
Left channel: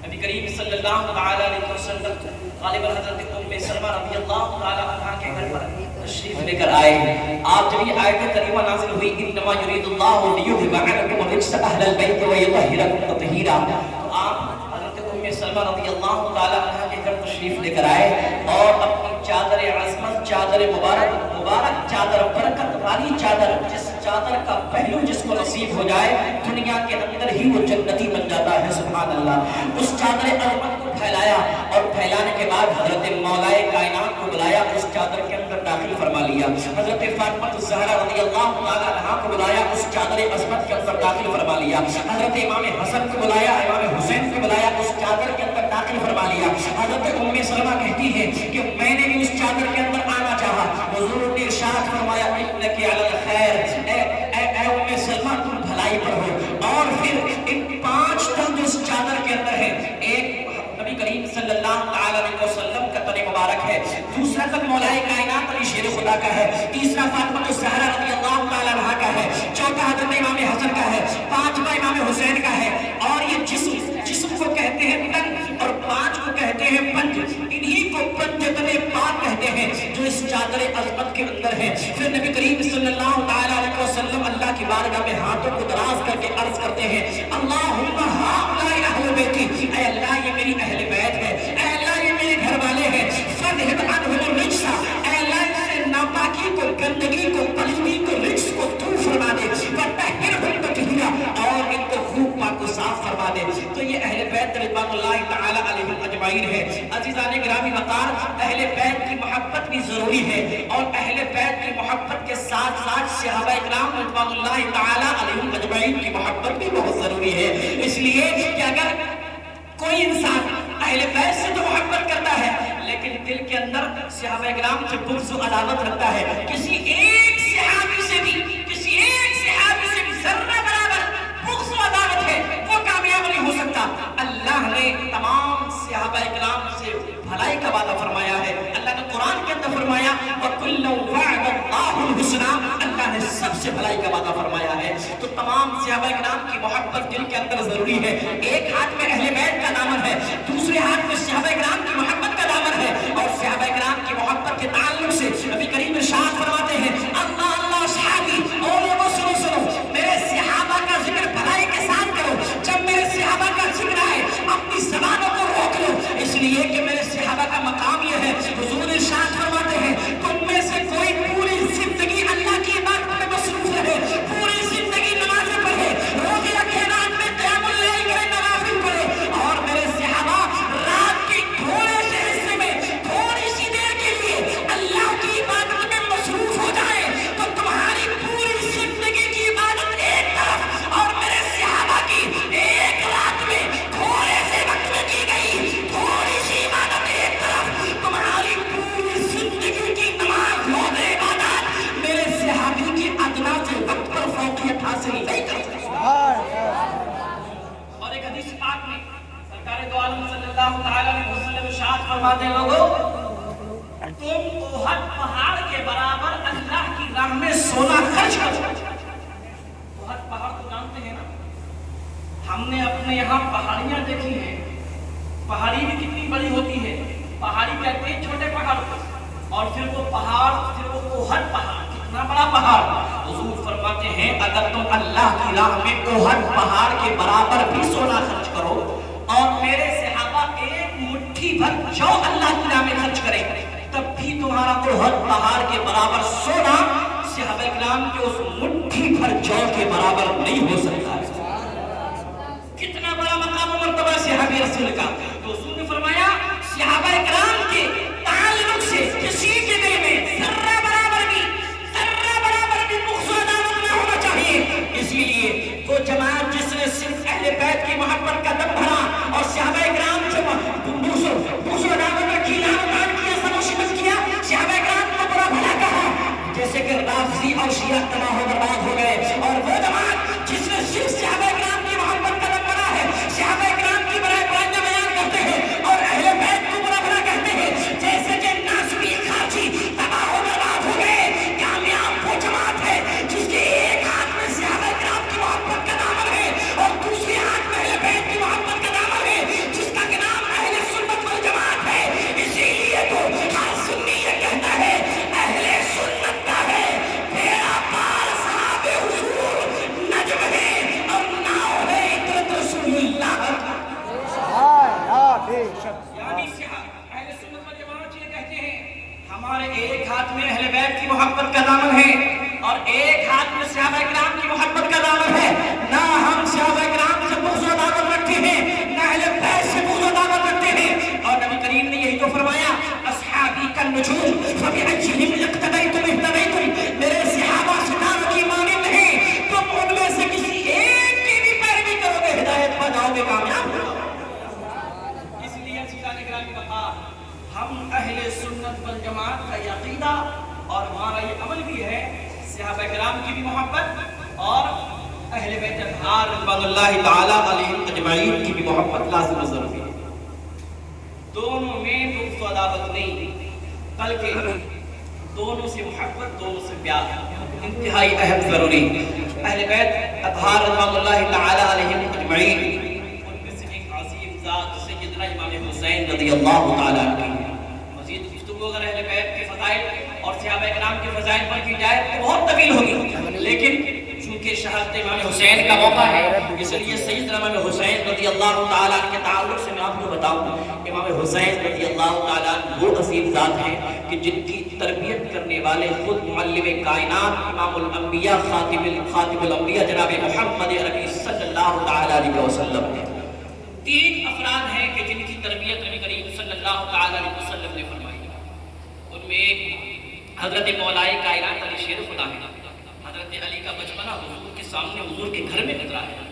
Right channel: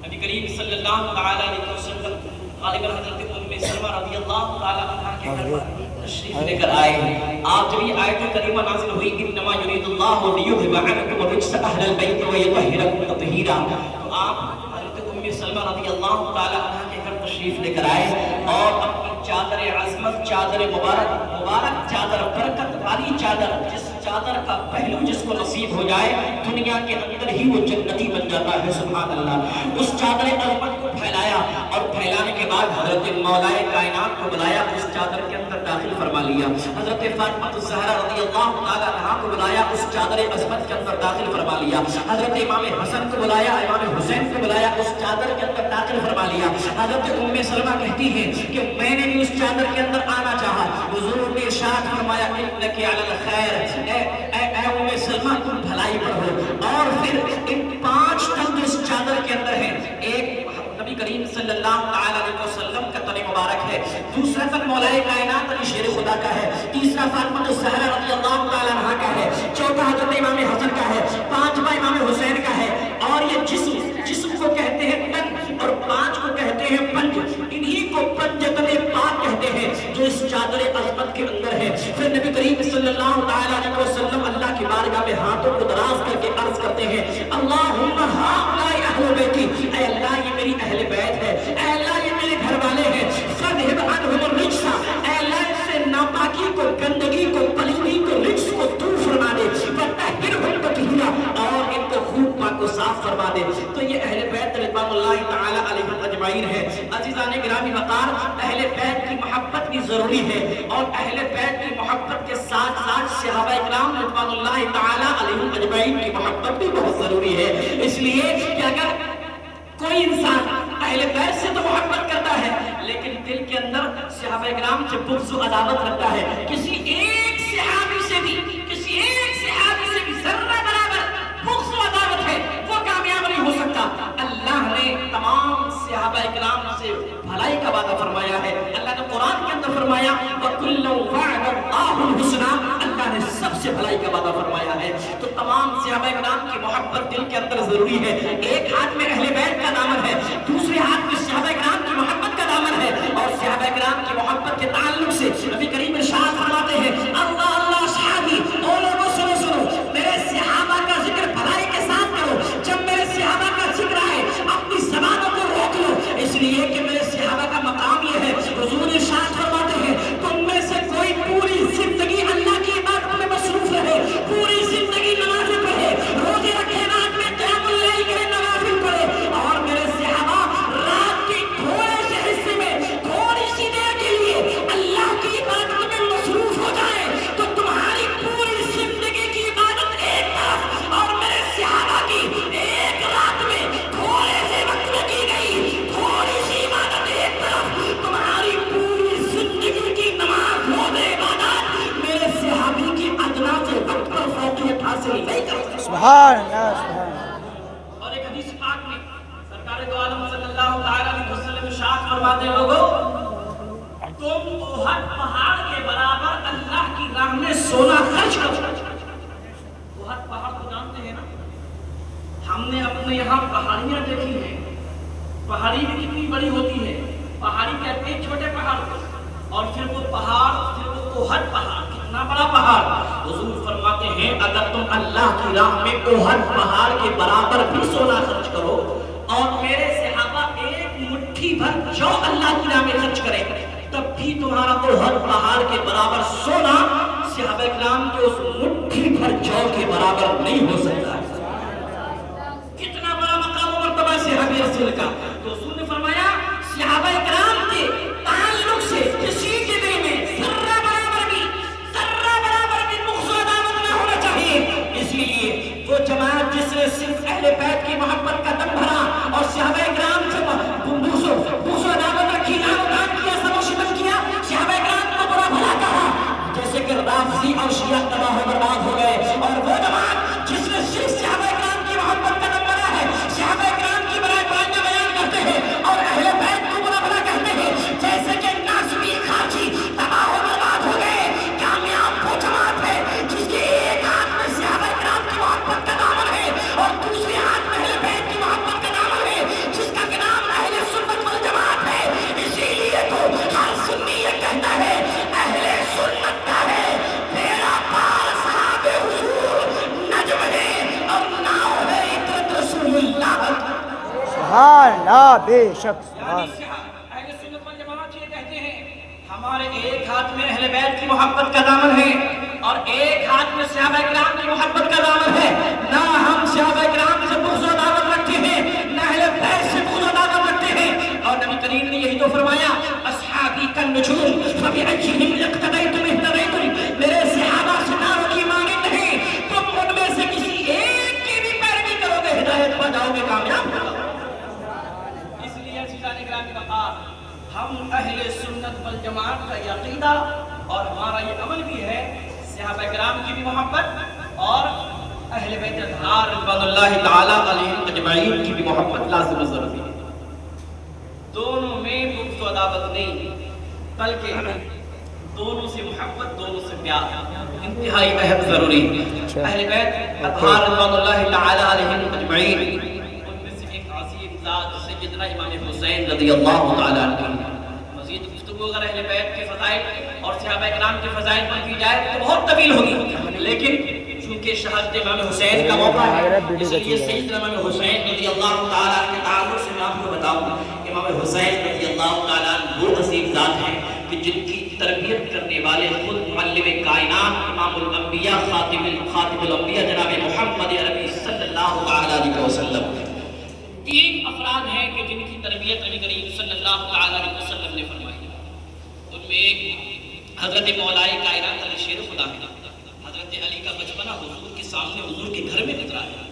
نبی کریم صلی اللہ تعالی علیہ وسلم غالباً حضرت ام سلمہ رضی اللہ تعالی عنہ کے گھر پر تشریف لے کر آئے ہیں. آپ جب یہ آیت کریمہ نازل ہوئی انما یرید اللہ لیذھب عنکم الرجس اہل البیت ویطہرکم تطہیرا، تو آپ حضرت ام سلمہ رضی اللہ تعالی عنہ کے گھر تشریف لے کر آئے اور اپنی چادر عظمت، چادر مبارک چادر، برکت والی چادر، جس چادر کا پہلو جس کو نصیب ہو جائے دنیا کے اندر ہی وہ جنتی بن جاتا ہے. سبحان اللہ. اس چادر عظمت کو پھیلایا اور پھیلانے کے بعد حضرت مولا کائنات کو بلایا، اس چادر کے اندر داخل فرما لیا. حضرت فاطمہ الزہرا رضی اللہ تعالی عنہا کو بلایا، اس چادر عظمت کے اندر داخل فرما لیا. حضرت امام حسن کو بلایا، امام حسین کو بلایا، اس چادر کے اندر داخل فرما لیا. حضرت ام سلمہ کہتی ہے کہ میں نے بھی اس چادر کے اندر آنا چاہا. حضور نے ارشاد فرمایا انک علی الخیر، اے ام سلمہ تم بھلائی پر ہو. اور پھر ان 5 تن اس چادر کے اندر ہیں، ایک نبی کریم صلی اللہ تعالی علیہ وسلم کا تن مبارک ہے، دوسرا تن مولا کائنات علی شیر خدا کا ہے، تیسرا فاطمہ الزہرا رضی اللہ تعالی عنہا کا ہے، چوتھا حضرت امام حسن کا ہے، پانچواں امام حسین کا ہے. اور یہ جسم کو کہتے ہیں تن اور 5 کو کہتے ہیں پنج. انہی کو پنجتن پاک کہتے ہیں جو اس چادر عظمت کے اندر ہے. پھر نبی کریم صلی اللہ تعالی علیہ وسلم اللہ کی بارگاہ میں ہاتھوں کو دراز کر کے عرض کرتے ہیں اللہم ہؤلاء اہل بیتی، اے اللہ یہ میری اہل بیت ہے، اے اللہ یہ میرے گھر والے ہیں. فاذھب عنہم الرجس، اے اللہ ان سے ناپاکی کو، گندگی کو، پلیدی کو، رجس کو دور فرما دے. وطہرہم تطہیرا، اور ان کو خوب پاک و صاف فرما دے. تو یہ اہل بیت رضوان اللہ تعالی علیہم اجمعین ہے. عزیزان گرامی وقار، اہل بیت کی محبت بھی ضروری ہے اور اہل بیت کی محبت کے ساتھ ساتھ صحابہ اکرام رضوان اللہ تعالی علیہم اجمعین کی محبت بھی بہت ضروری ہے. اس لیے کہ اگر کوئی انسان اہل بیت سے تو محبت کرتا ہے لیکن دل کے اندر صحابہ اکرام سے بغض و عداوت رکھتا ہے، کسی ایک صحابی سے بھی ذرہ برابر بغض و عداوت ہے، وہ کامیاب نہیں ہو سکتا. اللہ نے تمام صحابہ اکرام سے بھلائی کا وعدہ فرمایا ہے. اللہ نے قرآن کے اندر فرمایا وَكُلًّا وَعَدَ اللَّهُ الْحُسْنَىٰ، اللہ نے سب سے بھلائی کا وعدہ فرمایا ہے. تو تمام صحابہ اکرام کی محبت دل کے اندر ضروری ہے. ایک ہاتھ میں اہل بیت کا دامن ہے، دوسرے ہاتھ میں صحابہ اکرام کی محبت کا دامن ہے. اور صحابہ اکرام کی محبت کے تعلق سے نبی کریم ارشاد فرماتے ہیں اللہ اللہ صحابی، اور لوگوں سنو میرے صحابہ کا ذکر بھلائی کے ساتھ کرو. جب میرے صحابہ کا ذکر آئے اپنی زبانوں کو روک لو، اس لیے کہ میرے صحابہ کا مقام یہ ہے. حضور ارشاد فرماتے ہیں تم میں سے کوئی پوری زندگی اللہ کی عبادت میں مصروف رہے، پوری زندگی نمازیں پڑھے، روزے رکھے، رات میں قیام اللیل کرے، نوافل پڑھے، اور میرے صحابہ رات کے تھوڑے سے حصے میں تھوڑی سی دیر کے لیے اللہ کی عبادت میں مصروف ہو جائے تو تمہاری پوری زندگی کی عبادت ایک طرف اور میرے صحابہ کی ایک رات میں تھوڑے سے وقت میں کی گئی تھوڑی سی عبادت ایک طرف، تمہاری پوری زندگی کی نماز، روزے، عبادات میرے صحابی کی ادنا سے وقت پر فوقیت حاصل نہیں کر سکتی. سبحان اللہ. اور ایک حدیث پاک میں سرکار دو عالم صلی اللہ تعالی علیہ وسلم ارشاد فرماتے ہیں لوگوں تم احد پہاڑ کے برابر اللہ کی راہ میں سونا خرچ کرو. احد پہاڑ کو جانتے ہیں نا؟ ہم نے اپنے یہاں پہاڑیاں دیکھی ہیں، پہاڑی بھی کتنی بڑی ہوتی ہے. پہاڑی کہتے ہیں چھوٹے پہاڑ اور پھر وہ پہاڑ، پھر وہ احد پہاڑ، کتنا بڑا پہاڑ. حضور فرماتے ہیں اگر تم اللہ کی راہ میں احد پہاڑ کے برابر بھی سونا خرچ کرو اور میرے صحابہ ایک مٹھی بھر جو اللہ کی راہ میں خرچ کرے تب بھی تمہارا احد پہاڑ کے برابر سونا صحابہ کرام کے اس مٹھی بھر جو کے برابر نہیں ہو سکتا. کتنا بڑا مقام و مرتبہ صحابی رسول کا. تو حضور نے فرمایا صحابہ کرام کے تعلق سے کسی کے دل میں ذرہ برابر بھی بغض و عداوت نہ ہونا چاہیے. اسی لیے وہ جماعت جس نے صرف اہل بیت کی محبت کا دم بھرا اور صحابہ کرام سے بغض و عداوت رکھی، لعنت کیا، سب کیا، صحابہ کرام کو برا بھلا کہا، جیسے کہ رافضی اور شیعہ تباہ و برباد ہو گئے. اور وہ جماعت جس نے صرف صحابہ کرام کی محبت کا دم بھرا ہے، صحابہ کرام کی برائیاں بیان کرتے ہیں اور اہل بیت کو برا بھلا کہتے ہیں، جیسے کہ ناصبی خارجی تباہ و برباد ہو گئے. کامیاب وہ جماعت ہے جس کے ایک ہاتھ میں صحابہ کرام کی محبت کا دامن ہے اور دوسرے ہاتھ میں اہل بیت کی محبت کا دامن ہے، جس کا نام اہل سنت والجماعت ہے. اس بے شک یعنی اہل سنت والجماعت یہ کہتے ہیں ہمارے ایک ہاتھ میں اہل بیت کی محبت کا دامن ہے اور ایک ہاتھ میں صحابہ کرام کی محبت کا دامن ہے. نہ ہم صحابہ کرام سے بغض و عداوت رکھتے ہیں نہ اہل بیت سے بغض و عداوت رکھتے ہیں. اور نبی کریم نے یہی تو فرمایا اصحابی کالنجوم فبأیہم اقتدیتم اہتدیتم. میرے صحابہ ستاروں کی مانند ہیں تم ان میں سے کسی ایک کی بھی پیروی کرو گے ہدایت پا جاؤ گے کامیاب ہو. اس لیے عزیزان گرامی وقار ہم اہل سنت والجماعت کا یہ عقیدہ اور ہمارا یہ عمل بھی ہے صحابہ کرام کی بھی محبت اور اہل بیت اطہار رضوان اللہ تعالی علیہم اجمعین کی بھی محبت لازم و ضروری ہے. دونوں میں بغض و عداوت نہیں بلکہ دونوں سے محبت دونوں سے پیار انتہائی اہم ضروری. اہل بیت اطہار رضوان اللہ تعالی علیہم اجمعین ان میں سے ایک عظیم ذات سیدنا امام حسین رضی اللہ تعالی عنہ. مزید گفتگو اگر اہل بیت کے فضائل اور صحابہ کرام کے فضائل پر کی جائے تو بہت طویل ہوگی لیکن چونکہ شہادت امام حسین کا موقع ہے اس لیے سیدنا امام حسین رضی اللہ تعالی عنہ کے تعلق سے میں آپ کو بتاؤں. امام حسین رضی اللہ تعالی عنہ وہ عظیم ذات ہیں کہ جن کی تربیت کرنے والے خود معلم کائنات امام الانبیاء خاتم الانبیاء جناب محمد عربی صلی اللہ تعالی علیہ وسلم. 3 افراد ہیں کہ جن کی تربیت نبی کریم صلی اللہ تعالی علیہ وسلم نے فرمائی. ان میں ایک حضرت مولا کائنات علی شیر خدا ہے. حضرت علی کا بچپنا حضور کے سامنے حضور کے گھر میں گزرا ہے.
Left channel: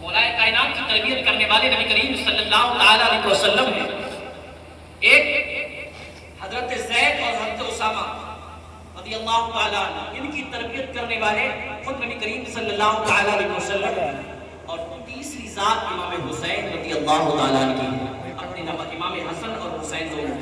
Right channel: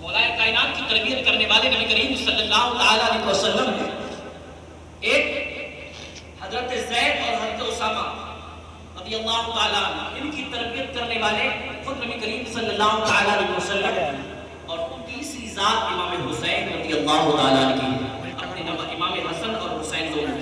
مولا کائنات کی تربیت کرنے والے نبی کریم صلی اللہ تعالی علیہ وسلم ہیں. ایک حضرت زید اور حضرت اسامہ رضی اللہ تعالی عنہ ان کی تربیت کرنے والے خود نبی کریم صلی اللہ تعالی علیہ وسلم اور تیسری ذات امام حسین رضی اللہ تعالی عنہ اپنے امام حسن اور حسین دونوں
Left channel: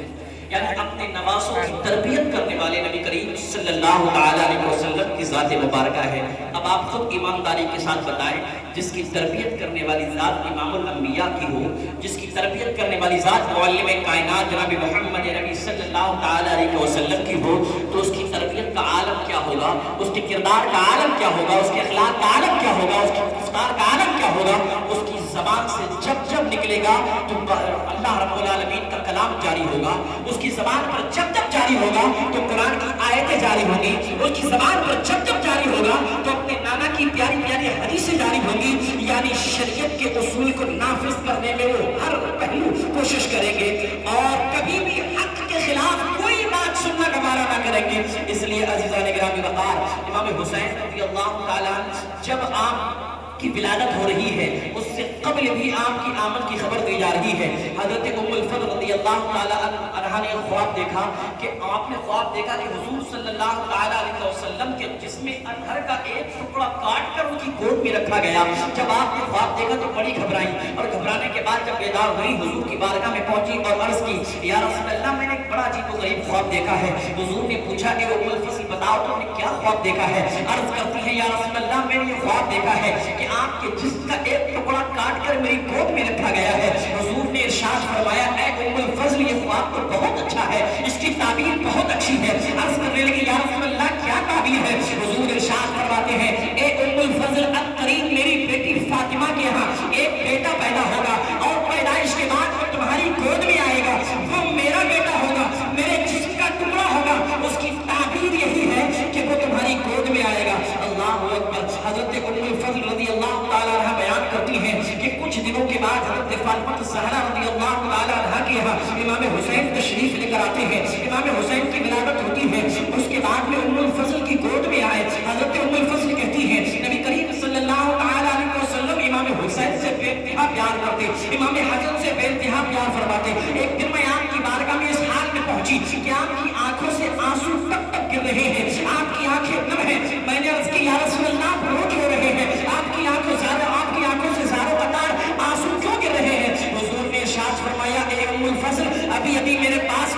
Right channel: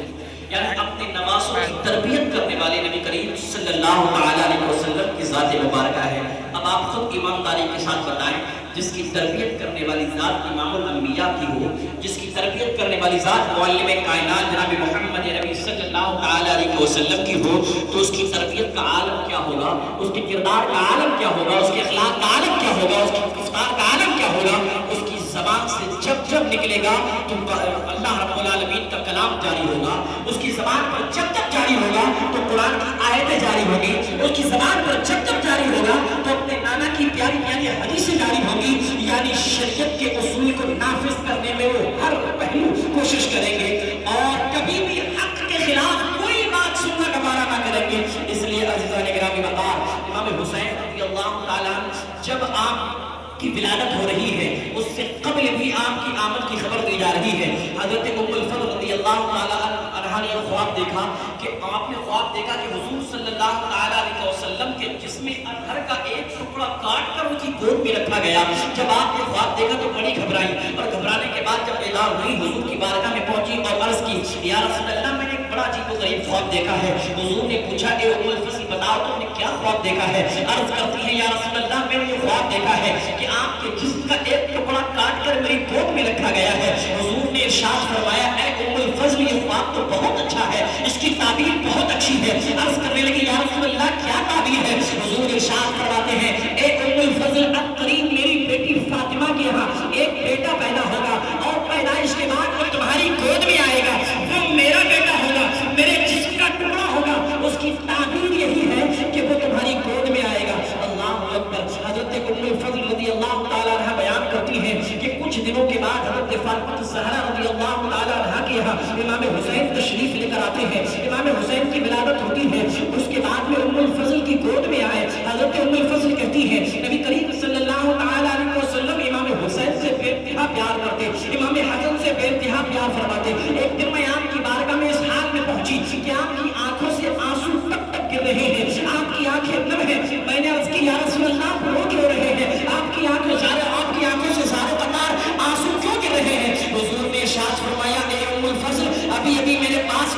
یعنی اپنے نواسوں کی تربیت کرنے والے نبی کریم صلی اللہ تعالی علیہ وسلم کی ذات مبارکہ ہے. اب آپ خود ایمانداری کے ساتھ بتائیں جس کی تربیت کرنے والی ذات امام الانبیاء کی ہو جس کی تربیت کرنے والی ذات معلم کائنات جناب محمد عربی صلی اللہ تعالی علیہ وسلم کی ہو تو اس کی تربیت کا عالم کیا ہوگا, اس کے کردار کا عالم کیا ہوگا, اس کے اخلاق کا عالم کیا ہوگا, اس کی گفتار کا عالم کیا ہوگا. اس کی زبان سے جب جب نکلے گا تو اللہ رب العالمین کا کلام جاری ہوگا. اس کی زبان پر جب جب جاری ہوگا تو قرآن کی آیتیں جاری ہوگی. اس کی زبان پر جب جب جاری ہوگا تو اپنے نانا کی پیاری پیاری حدیثیں جاری ہوگی. یعنی شریعت کے اصول کو نافذ کرنے میں وہ ہر پہلو کوشش کریں گے اور کبھی بھی حق کے خلاف کوئی بات سننا گوارا نہ کریں گے. اس لیے عزیزان گرامی وقار امام حسین رضی اللہ تعالیٰ جب آپ کی ولادت ہو رہی ہے اس سے قبل بھی آپ کی آمد کی خبر دی جا رہی ہے. حضرت ام الفضل رضی اللہ تعالیٰ عنہ نے خواب دیکھا کہ آپ نے خواب دیکھا کہ حضور صلی اللہ تعالیٰ علیہ وسلم کے جسم اطہر کا ایک ٹکڑا کاٹ کر ان کی گود میں رکھا گیا. جب آپ نے خواب دیکھا تو بڑی گھبرائی اور گھبرانے کے بعد جب بیدار ہوئی حضور کی بارگاہ میں پہنچی اور عرض کی یا رسول اللہ میں نے ایک بڑا عجیب و غریب خواب دیکھا ہے. حضور نے پوچھا کہ ام الفضل بتاؤ تم نے کیا خواب دیکھا ہے. عرض کرتی ہے یا رسول اللہ میں نے یہ خواب دیکھا ہے کہ آپ کے جسم کا ایک ٹکڑا کاٹ کر میری گود میں رکھا گیا ہے. حضور نے ارشاد فرمایا اے ام الفضل یہ خواب تو بہت اچھا ہے, اس کی تعبیر بہت اچھی ہے. عرض کرنے لگی یا رسول اللہ کیا تعبیر ہے. حضور ارشاد فرماتے ہیں اے ام الفضل اتقرین میری بیٹی فاطمہ کے یہاں ایک بیٹا پیدا ہوگا اور پیدائش کے بعد وہ تمہاری گود میں آئے گا. وہ میرا بیٹا ہوگا, میرے جسم کا ٹکڑا ہوگا. اس کی تعبیر یہی ہے کہ وہ تمہاری گود میں آئے گا. اللہ اکبر. حضرت ام الفضل رضی اللہ تعالیٰ عنہ بیان کرتی ہیں کہ کچھ دنوں کے بعد حضرت فاطمہ الزہرا رضی اللہ تعالیٰ عنہ کے یہاں امام حسین تشریف لے کر آتے ہیں. امام حسین کی ولادت ہوتی ہے. اس کے بعد میں ام الفضل کی گود میں آئے. حضرت ام الفضل کہتی ہیں نبی کریم صلی اللہ تعالیٰ علیہ وسلم امام حسین سے بے انتہا پیار کرتے, امام حسن سے بے انتہا پیار فرماتے. ایک دن میں آپ کی بارگاہ میں اس حال میں پہنچی کہ آپ کی آنکھوں سے آنسو ٹپ ٹپ گر رہے ہیں, آپ کی آنکھیں نم ہیں. میں نے عرض کی یا رسول اللہ آپ رو کیوں رہے ہیں, آپ کی آنکھوں سے زاروں قطار آنسو کیوں گر رہے ہیں. حضور نے ارشاد فرمایا اے ام الفضل ابھی میرے پاس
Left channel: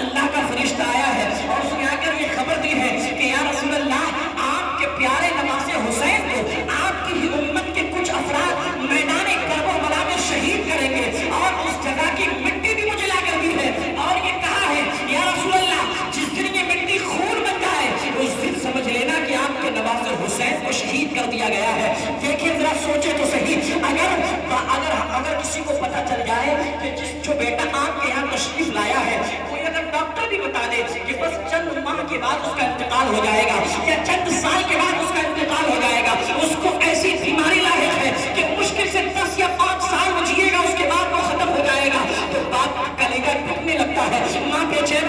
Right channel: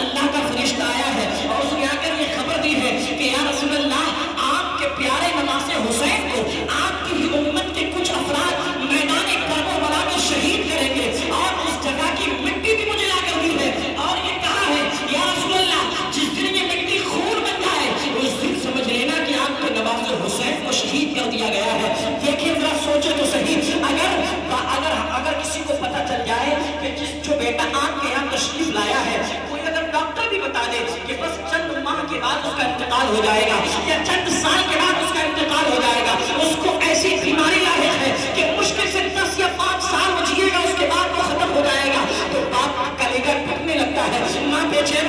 اللہ کا فرشتہ آیا ہے اور اس نے آ کر یہ خبر دی ہے کہ یا رسول اللہ آپ کے پیارے نواسے حسین کو آپ کی ہی امت کے کچھ افراد میدان کربلا میں شہید کریں گے اور اس جگہ کی مٹی بھی مجھے لا کر دی ہے اور یہ کہا ہے یا رسول اللہ جس دن یہ مٹی خون بن جائے اس دن سمجھ لینا کہ آپ کے نواسے حسین کو شہید کر دیا گیا ہے. دیکھیں ذرا سوچے تو صحیح, اگر کسی کو پتہ چل جائے کہ جو بیٹا آپ کے یہاں تشریف لایا ہے کوئی اگر ڈاکٹر بھی بتا دے کہ بس چند ماہ کے بعد اس کا انتقال ہو جائے گا یا چند سال کے بعد اس کا انتقال ہو جائے گا، اس کو ایسی بیماری لاحق ہے کہ مشکل سے 10 یا 5 سال وہ جیے گا، اس کے بعد وہ ختم ہو جائے گا، تو باپ کا کلیجہ ٹوٹنے لگتا ہے، ماں بے چین